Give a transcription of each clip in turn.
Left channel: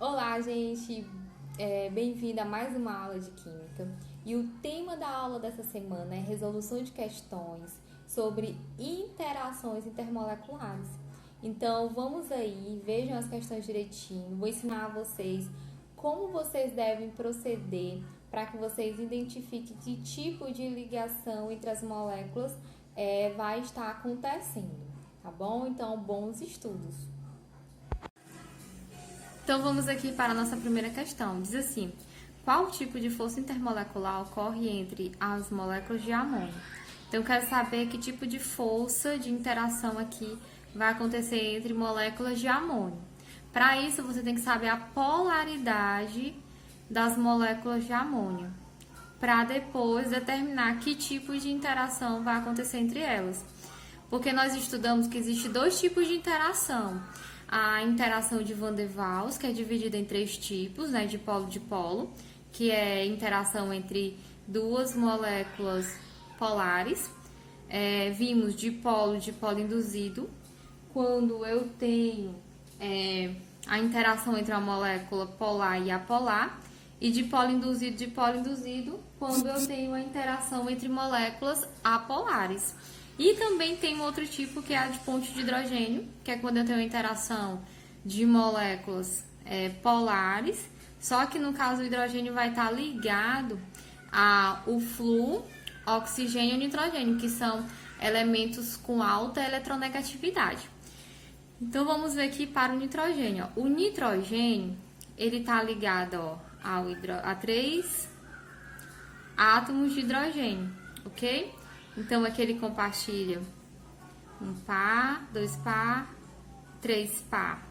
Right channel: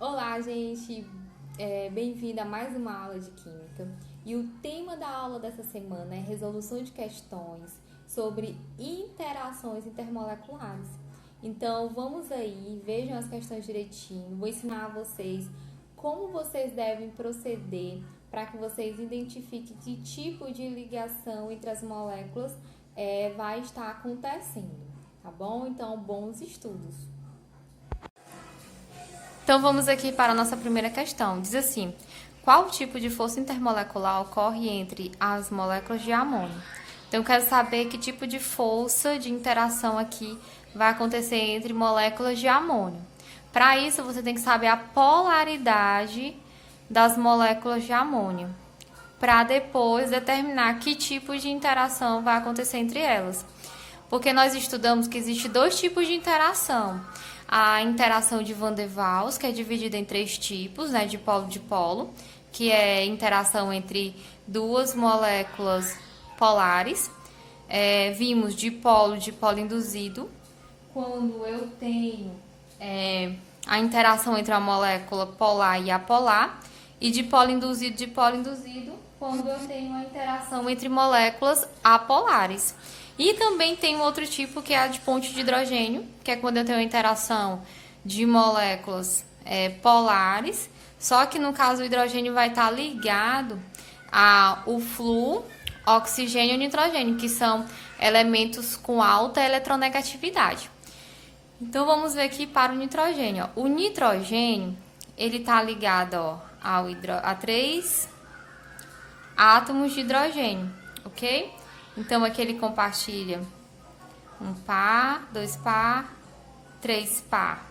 Olá, gente! Bem-vinda a mais uma aula de Química. E o tema da aula dessa semana é resolução de questões sobre interações intermoleculares. Então, vamos aí, vejam as questões direitinho. Vou ensinar a vocês como vocês devem proceder para que vocês identifiquem que tipo de ligação entre as moléculas vai estar acontecendo, tá bom? Então, bons estudos! Então vamos aqui para a nossa primeira questão. Diz assim: qual tipo de força intermolecular ocorre entre as moléculas de amônio? Então eu quero saber que tipo de força de interação aqui vai acontecer entre moléculas de amônio. Para isso você tem que saber a polaridade das moléculas de amônio, para depois determinar que tipo de interação vai acontecer entre elas. Porque nós estudamos que existe dois tipos de interação. A interação de Van der Waals, que é dividida em três tipos, né, de polo, que é interação entre duas moléculas polares. Vimos de polo induzido, quando eu tenho a interação entre a molécula polar e apolar, e de polo induzido, quando eu tenho a interação entre moléculas apolares. E também tem um outro tipo que é a de ponte de hidrogênio, que é quando eu tenho a interação de moléculas polares, só que no caso o hidrogênio vai estar ligado ao flúor, oxigênio e nitrogênio, que são elementos com alta eletronegatividade. Então vamos ver aqui para o nitrogênio. O nitrogênio, ele está ligado a 3 átomos de hidrogênio, ok? Então aqui ele compartilha um par, 2 par, 3 par.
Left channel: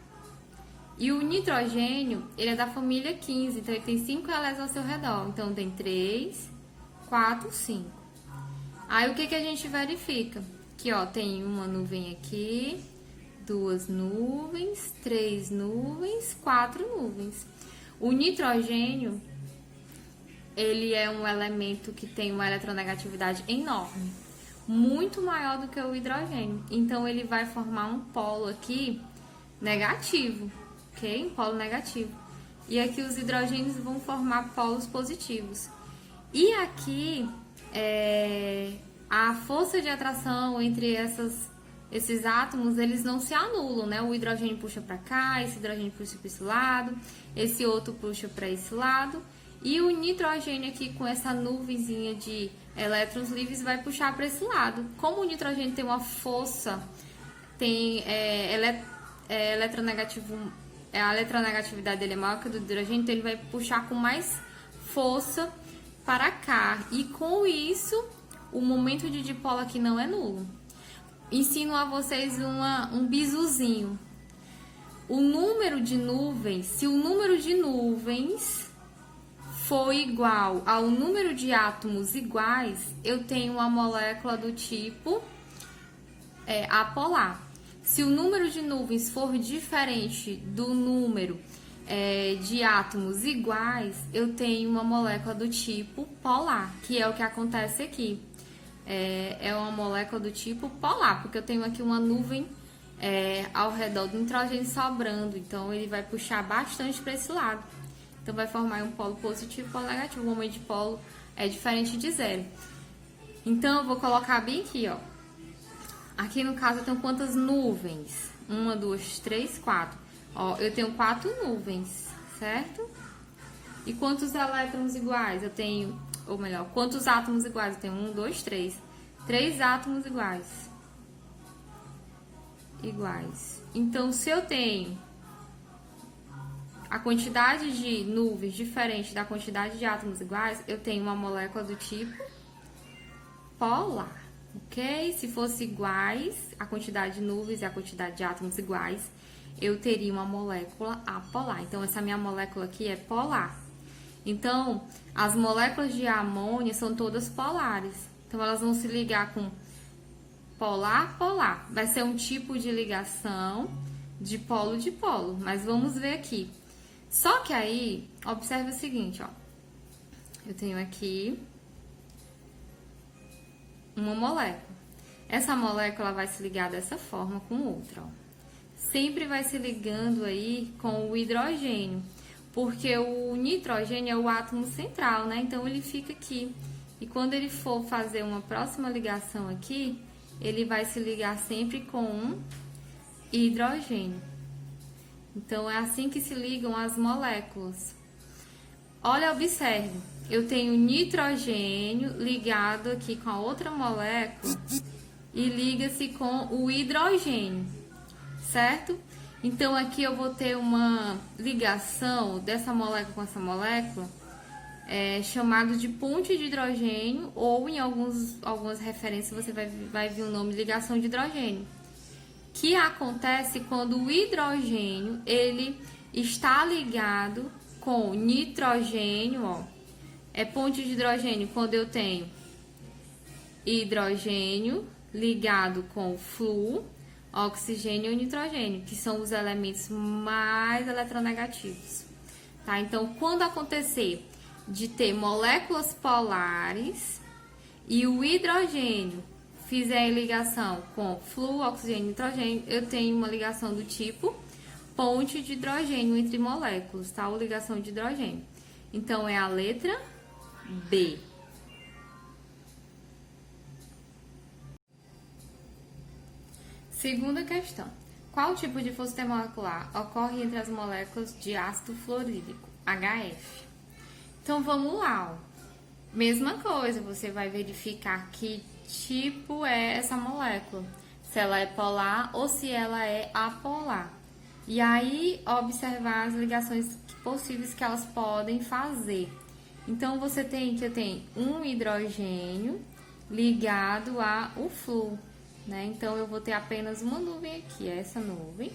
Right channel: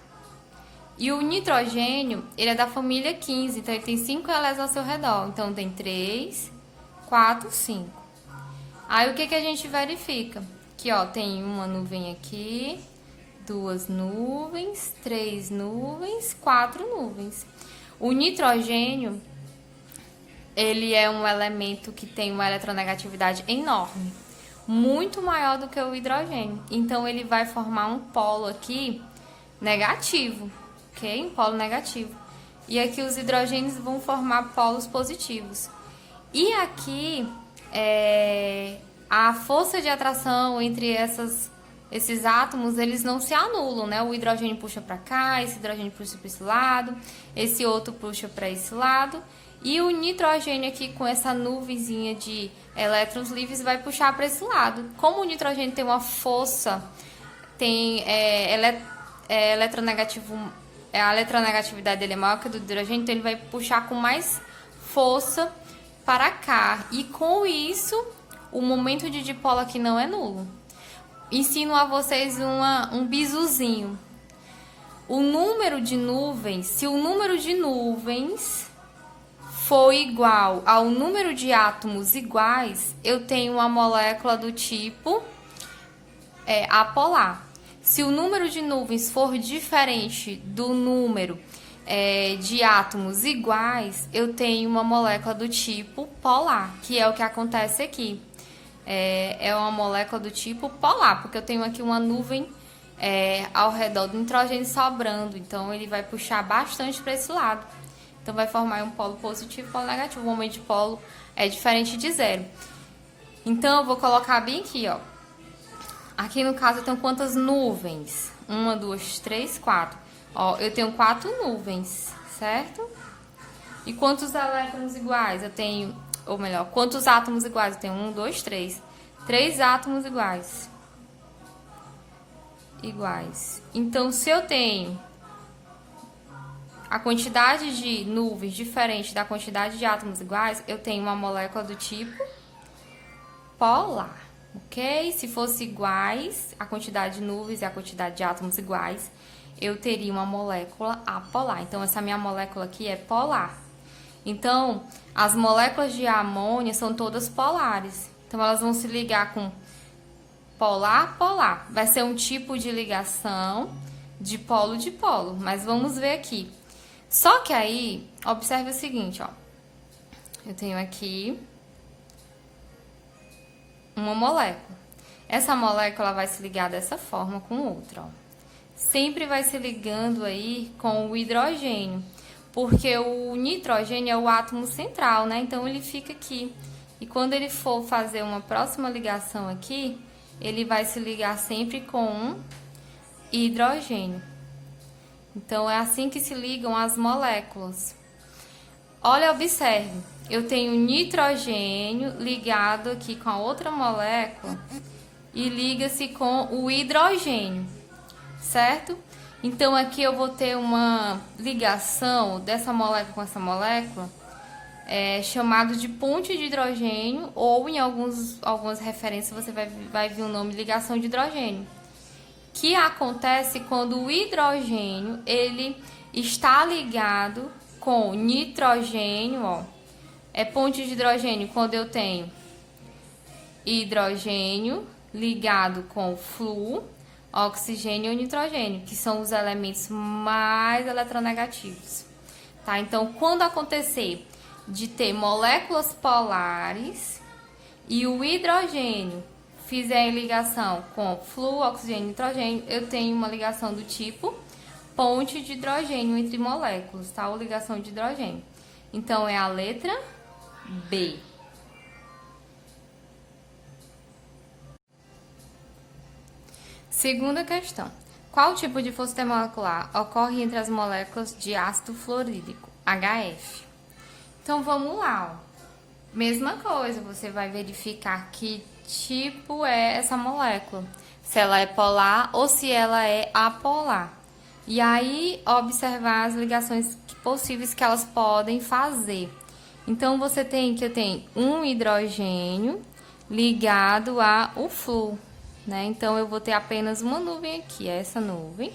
E o nitrogênio, ele é da família 15, então ele tem 5 elétrons ao seu redor. Então tem 3, 4, 5. Aí o que a gente verifica? Que tem uma nuvem aqui, 2 nuvens, 3 nuvens, 4 nuvens. O nitrogênio, ele é um elemento que tem uma eletronegatividade enorme, muito maior do que o hidrogênio. Então, ele vai formar um polo aqui negativo, ok? Um polo negativo. E aqui os hidrogênios vão formar polos positivos. E aqui, a força de atração entre esses átomos, eles não se anulam, né? O hidrogênio puxa para cá, esse hidrogênio puxa para esse lado, esse outro puxa para esse lado. E o nitrogênio aqui com essa nuvenzinha de elétrons livres vai puxar para esse lado. Como o nitrogênio tem uma força, eletronegativo, a eletronegatividade dele é maior que a do hidrogênio, então ele vai puxar com mais força para cá. E com isso, o momento de dipolo aqui não é nulo. Ensino a vocês um bisuzinho. O número de nuvens, se o número de nuvens for igual ao número de átomos iguais, eu tenho uma molécula do tipo apolar. Se o número de nuvens for diferente do número de átomos iguais, eu tenho uma molécula do tipo polar, que é o que acontece aqui. É uma molécula do tipo polar, porque eu tenho aqui uma nuvem ao redor do nitrogênio sobrando, então ele vai puxar bastante para esse lado. Então vai formar um polo positivo e um polo negativo. O momento de polo é diferente de zero. Então eu vou colocar bem aqui, ó. Aqui no caso eu tenho quantas nuvens? 1, 2, 3, 4. Ó, eu tenho 4 nuvens, certo? E quantos elétrons iguais? Eu tenho, ou melhor, quantos átomos iguais? Eu tenho 1, 2, 3. 3 átomos iguais. Então, se eu tenho a quantidade de nuvens diferente da quantidade de átomos iguais, eu tenho uma molécula do tipo polar, ok? Se fosse iguais, a quantidade de nuvens e a quantidade de átomos iguais, eu teria uma molécula apolar. Então, essa minha molécula aqui é polar. Então, as moléculas de amônia são todas polares. Então, elas vão se ligar com polar. Vai ser um tipo de ligação de polo, mas vamos ver aqui. Só que aí, observe o seguinte, ó. Eu tenho aqui uma molécula. Essa molécula vai se ligar dessa forma com outra, ó. sempre vai se ligando aí com o hidrogênio, porque o nitrogênio é o átomo central, né? Então ele fica aqui. E quando ele for fazer uma próxima ligação aqui, ele vai se ligar sempre com um hidrogênio. Então é assim que se ligam as moléculas. Olha, observe, eu tenho nitrogênio ligado aqui com a outra molécula e liga-se com o hidrogênio, certo? Então aqui eu vou ter uma ligação dessa molécula com essa molécula, chamado de ponte de hidrogênio, ou em algumas referências você vai ver o nome de ligação de hidrogênio, que acontece quando o hidrogênio ele está ligado com nitrogênio, ó. É ponte de hidrogênio quando eu tenho hidrogênio ligado com flúor, oxigênio e nitrogênio, que são os elementos mais eletronegativos, tá? Então, quando acontecer de ter moléculas polares e o hidrogênio fizer ligação com flúor, oxigênio e nitrogênio, eu tenho uma ligação do tipo ponte de hidrogênio entre moléculas, tá? Ou ligação de hidrogênio. Então, é a letra B. Segunda questão. Qual tipo de força intermolecular ocorre entre as moléculas de ácido fluorídrico, HF? Então, vamos lá, ó. Mesma coisa, você vai verificar que tipo é essa molécula. Se ela é polar ou se ela é apolar. E aí, observar as ligações possíveis que elas podem fazer. Então, você tem que eu tenho um hidrogênio ligado ao flúor, né? Então, eu vou ter apenas uma nuvem aqui, essa nuvem.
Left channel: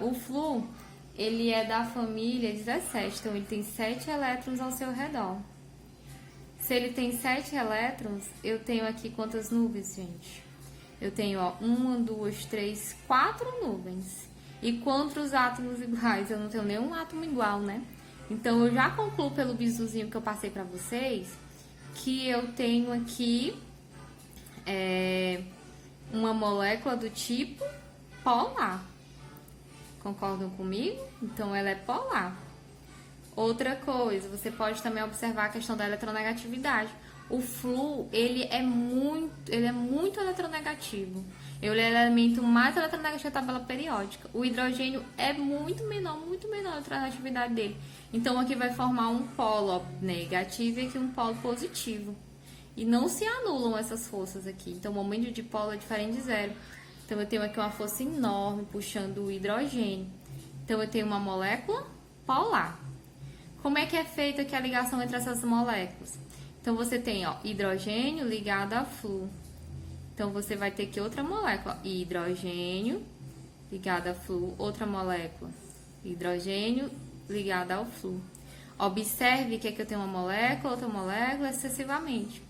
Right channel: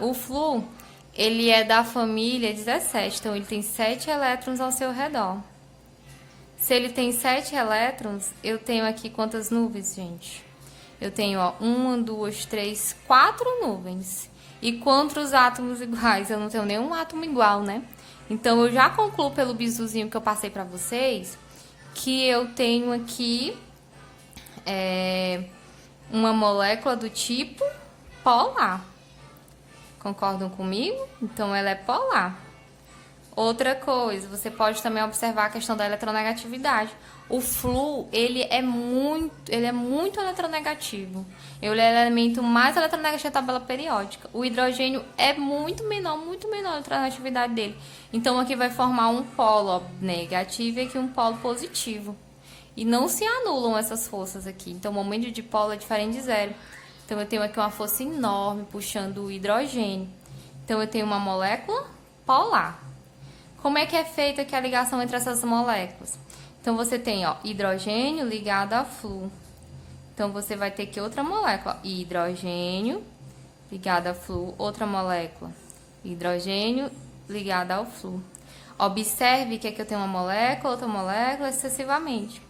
O flúor, ele é da família 17, então ele tem 7 elétrons ao seu redor. Se ele tem 7 elétrons, eu tenho aqui quantas nuvens, gente? Eu tenho, ó, 1, 2, 3, 4 nuvens. E quantos átomos iguais? Eu não tenho nenhum átomo igual, né? Então, eu já concluo pelo bizuzinho que eu passei pra vocês, que eu tenho aqui uma molécula do tipo polar. Concordam comigo? Então, ela é polar. Outra coisa, você pode também observar a questão da eletronegatividade. O flúor, ele é muito eletronegativo. Ele é o elemento mais eletronegativo da tabela periódica. O hidrogênio é muito menor a eletronegatividade dele. Então, aqui vai formar um polo negativo e aqui um polo positivo. E não se anulam essas forças aqui. Então, o momento de polo é diferente de zero. Então, eu tenho aqui uma força enorme puxando o hidrogênio. Então, eu tenho uma molécula polar. Como é que é feita aqui a ligação entre essas moléculas? Então, você tem, ó, hidrogênio ligado a flúor. Então, você vai ter aqui outra molécula, hidrogênio ligado a flúor, outra molécula, hidrogênio ligado ao flúor. Observe que aqui eu tenho uma molécula, outra molécula, excessivamente.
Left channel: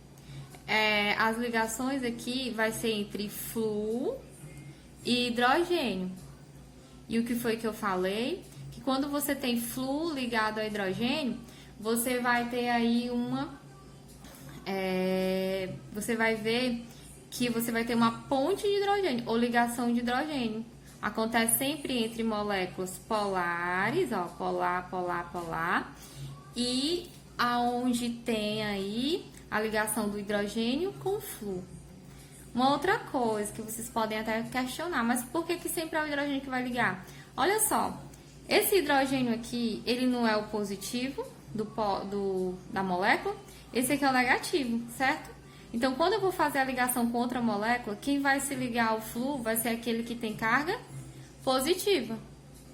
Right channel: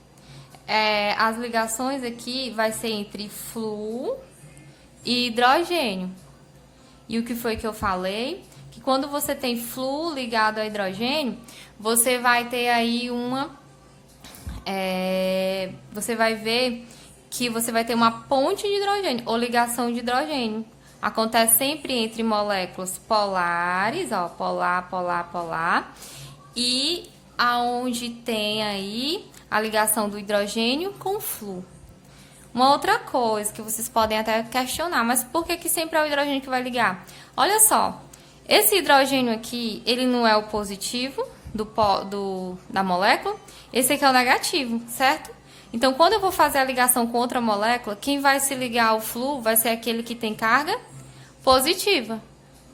As ligações aqui vai ser entre flúor e hidrogênio. E o que foi que eu falei? Que quando você tem flúor ligado ao hidrogênio, você vai ter aí você vai ver que você vai ter uma ponte de hidrogênio ou ligação de hidrogênio. Acontece sempre entre moléculas polares, ó, polar, polar, polar, e aonde tem aí a ligação do hidrogênio com flúor. Uma outra coisa que vocês podem até questionar, mas por que sempre é o hidrogênio que vai ligar? Olha só, esse hidrogênio aqui, ele não é o positivo da molécula, esse aqui é o negativo, certo? Então, quando eu vou fazer a ligação com outra molécula, quem vai se ligar ao flúor vai ser aquele que tem carga positiva.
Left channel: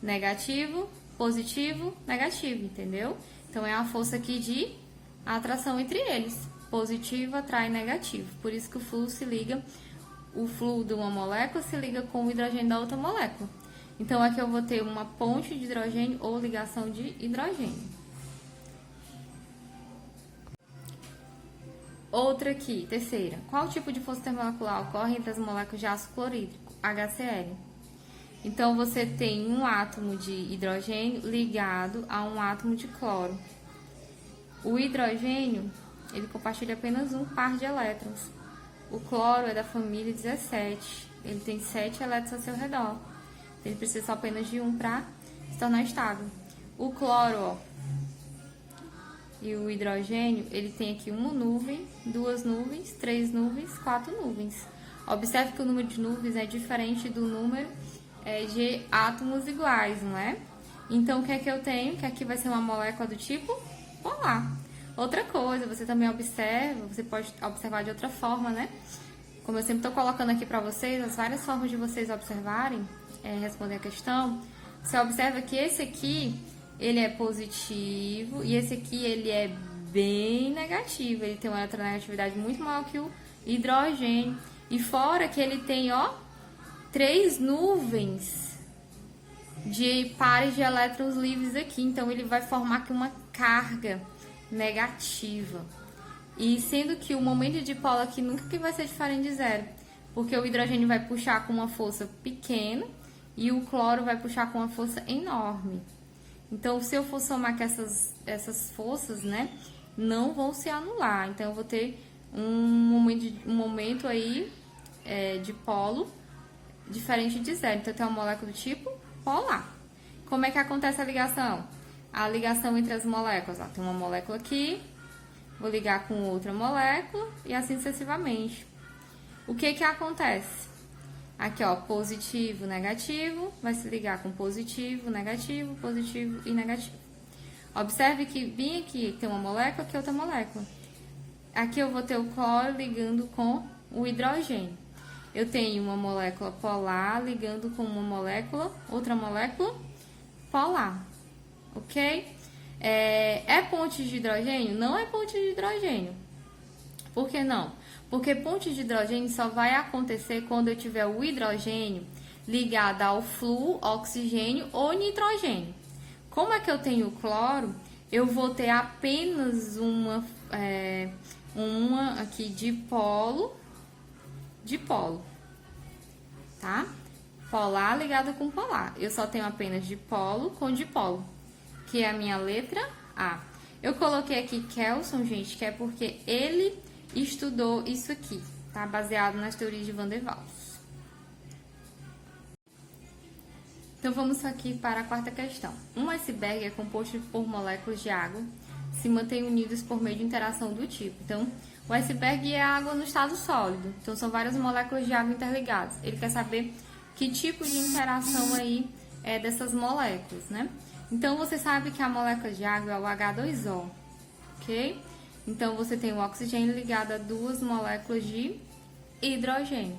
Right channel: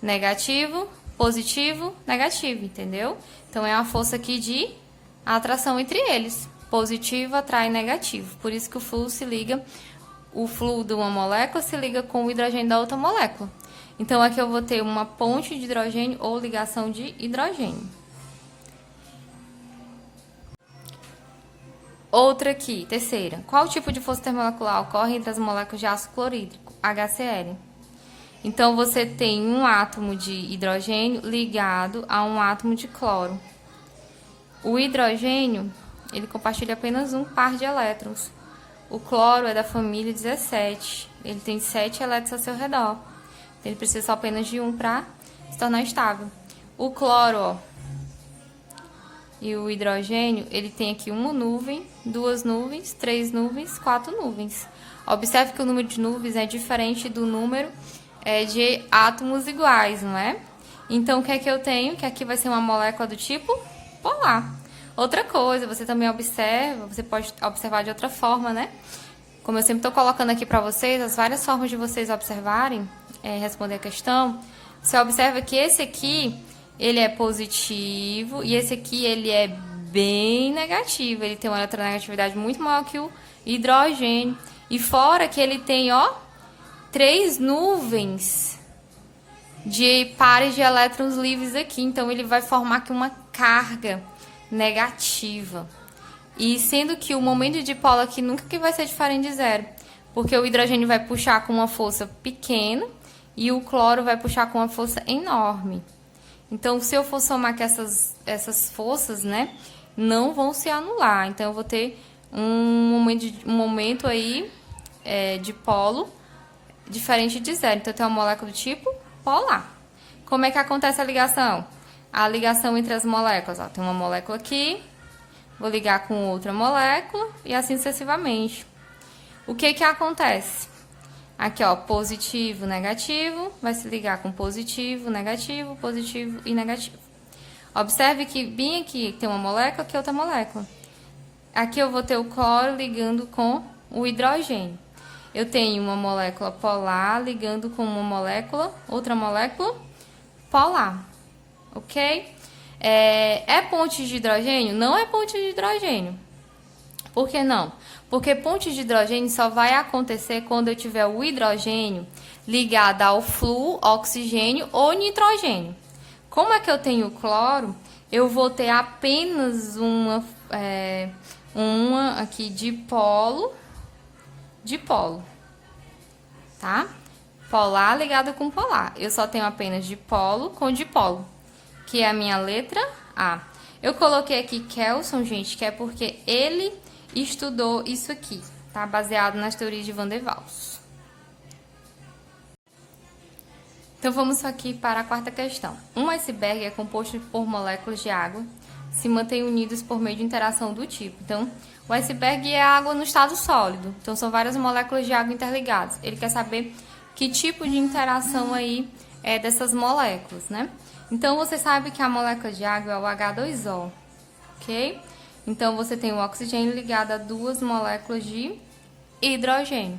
Negativo, positivo, negativo, entendeu? Então, é a força aqui de atração entre eles. Positivo atrai negativo. Por isso que o flúor de uma molécula se liga com o hidrogênio da outra molécula. Então, aqui eu vou ter uma ponte de hidrogênio ou ligação de hidrogênio. Outra aqui, terceira. Qual tipo de força intermolecular ocorre entre as moléculas de ácido clorídrico, HCl? Então, você tem um átomo de hidrogênio ligado a um átomo de cloro. O hidrogênio, ele compartilha apenas um par de elétrons. O cloro é da família 17. Ele tem 7 elétrons ao seu redor. Ele precisa só apenas de um para se tornar estável. O cloro, ó, e o hidrogênio, ele tem aqui uma nuvem, duas nuvens, três nuvens, quatro nuvens. Observe que o número de nuvens é diferente do número de átomos iguais, não é? Então, o que é que eu tenho? Que aqui vai ser uma molécula do tipo polar. Outra coisa, você também observa, você pode observar de outra forma, né? Como eu sempre estou colocando aqui para vocês, as várias formas de vocês observarem, responder a questão. Você observa que esse aqui, ele é positivo e esse aqui, ele é bem negativo. Ele tem uma eletronegatividade muito maior que o hidrogênio. E fora que ele tem, ó, 3 nuvens de pares de elétrons livres aqui. Então, ele vai formar aqui uma carga negativa. E sendo que o momento de dipolo aqui nunca que vai ser diferente de zero. Porque o hidrogênio vai puxar com uma força pequena e o cloro vai puxar com uma força enorme. Então, se eu for somar aqui essas forças, né, não vão se anular. Então, eu vou ter um momento aí de polo diferente de zero. Então, eu tenho uma molécula do tipo polar. Como é que acontece a ligação? A ligação entre as moléculas. Ó, tem uma molécula aqui, vou ligar com outra molécula e assim sucessivamente. O que que acontece? Aqui, ó, positivo, negativo, vai se ligar com positivo e negativo. Observe que bem aqui tem uma molécula, aqui outra molécula. Aqui eu vou ter o cloro ligando com o hidrogênio. Eu tenho uma molécula polar ligando com uma molécula, outra molécula polar, ok? É ponte de hidrogênio? Não é ponte de hidrogênio. Por que não? Porque ponte de hidrogênio só vai acontecer quando eu tiver o hidrogênio ligado ao flúor, oxigênio ou nitrogênio. Como é que eu tenho o cloro? Eu vou ter apenas uma aqui dipolo, tá? Polar ligada com polar. Eu só tenho apenas dipolo com dipolo, que é a minha letra A. Eu coloquei aqui Kelson, gente, que é porque ele estudou isso aqui, tá? Baseado nas teorias de Van der Waals. Então, vamos aqui para a quarta questão. Um iceberg é composto por moléculas de água, se mantêm unidos por meio de interação do tipo. Então, o iceberg é água no estado sólido. Então, são várias moléculas de água interligadas. Ele quer saber que tipo de interação aí é dessas moléculas, né? Então, você sabe que a molécula de água é o H2O, ok? Então, você tem o oxigênio ligado a duas moléculas de hidrogênio.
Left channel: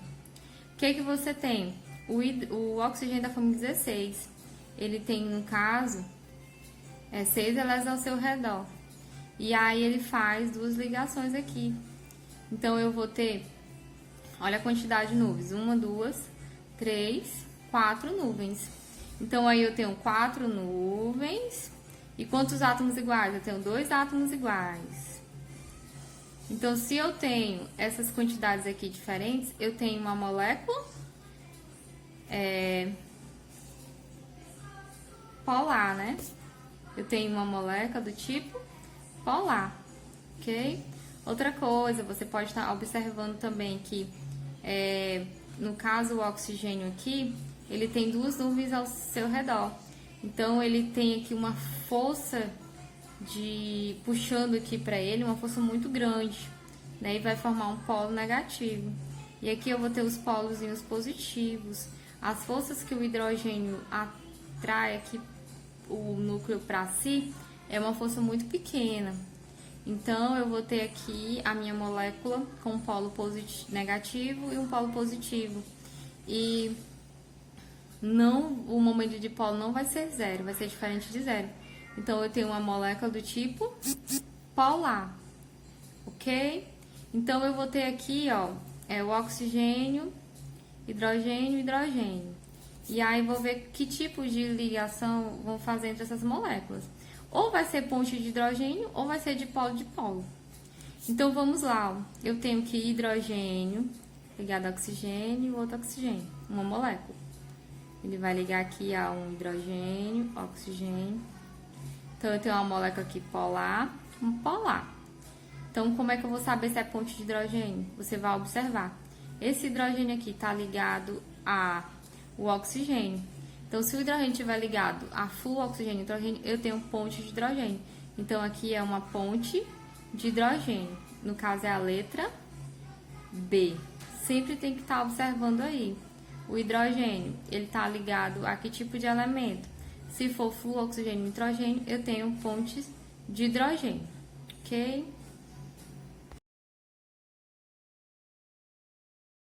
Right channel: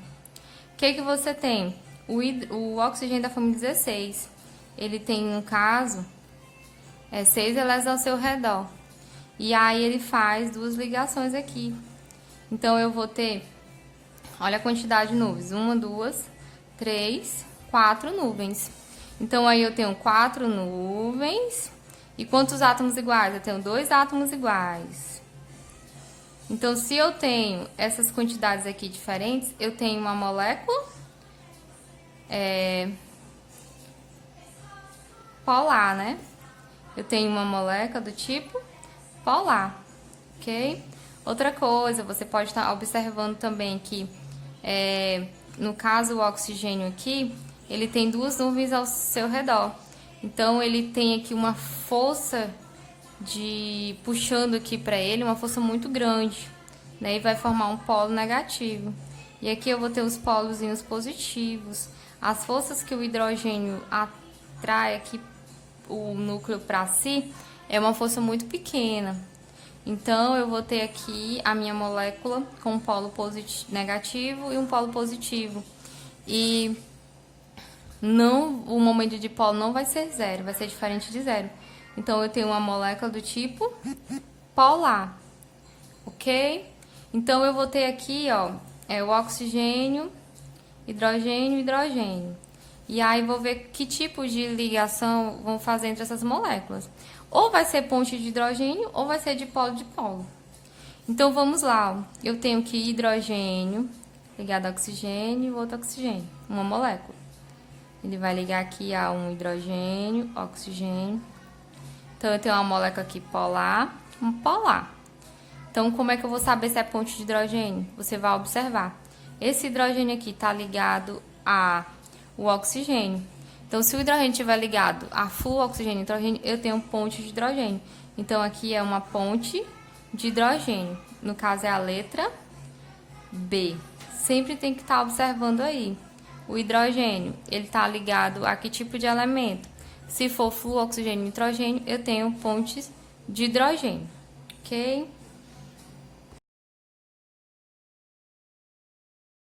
O que que você tem? O oxigênio da família 16, ele tem, no caso, 6 elétrons ao seu redor. E aí, ele faz duas ligações aqui. Então, eu vou ter, olha a quantidade de nuvens, 1, 2, 3, 4 nuvens. Então, aí eu tenho 4 nuvens. E quantos átomos iguais? Eu tenho 2 átomos iguais. Então, se eu tenho essas quantidades aqui diferentes, eu tenho uma molécula polar, né? Eu tenho uma molécula do tipo polar, ok? Outra coisa, você pode estar observando também que, no caso, o oxigênio aqui, ele tem duas nuvens ao seu redor. Então, ele tem aqui uma força puxando aqui para ele, uma força muito grande, né? E vai formar um polo negativo. E aqui eu vou ter os polozinhos positivos. As forças que o hidrogênio atrai aqui o núcleo para si é uma força muito pequena. Então, eu vou ter aqui a minha molécula com um polo negativo e um polo positivo. E o momento de dipolo não vai ser zero, vai ser diferente de zero. Então, eu tenho uma molécula do tipo polar, ok? Então, eu vou ter aqui, ó, o oxigênio, hidrogênio, hidrogênio. E aí, vou ver que tipo de ligação vão fazer entre essas moléculas. Ou vai ser ponte de hidrogênio, ou vai ser dipolo-dipolo. Então, vamos lá. Ó. Eu tenho que hidrogênio ligado a oxigênio e outro oxigênio, uma molécula. Ele vai ligar aqui a um hidrogênio, oxigênio. Então, eu tenho uma molécula aqui polar, um polar. Então, como é que eu vou saber se é ponte de hidrogênio? Você vai observar. Esse hidrogênio aqui está ligado ao oxigênio. Então, se o hidrogênio estiver ligado a flúor, oxigênio e nitrogênio, eu tenho ponte de hidrogênio. Então, aqui é uma ponte de hidrogênio. No caso, é a letra B. Sempre tem que estar observando aí. O hidrogênio, ele está ligado a que tipo de elemento? Se for flúor, oxigênio e nitrogênio, eu tenho pontes de hidrogênio. Ok?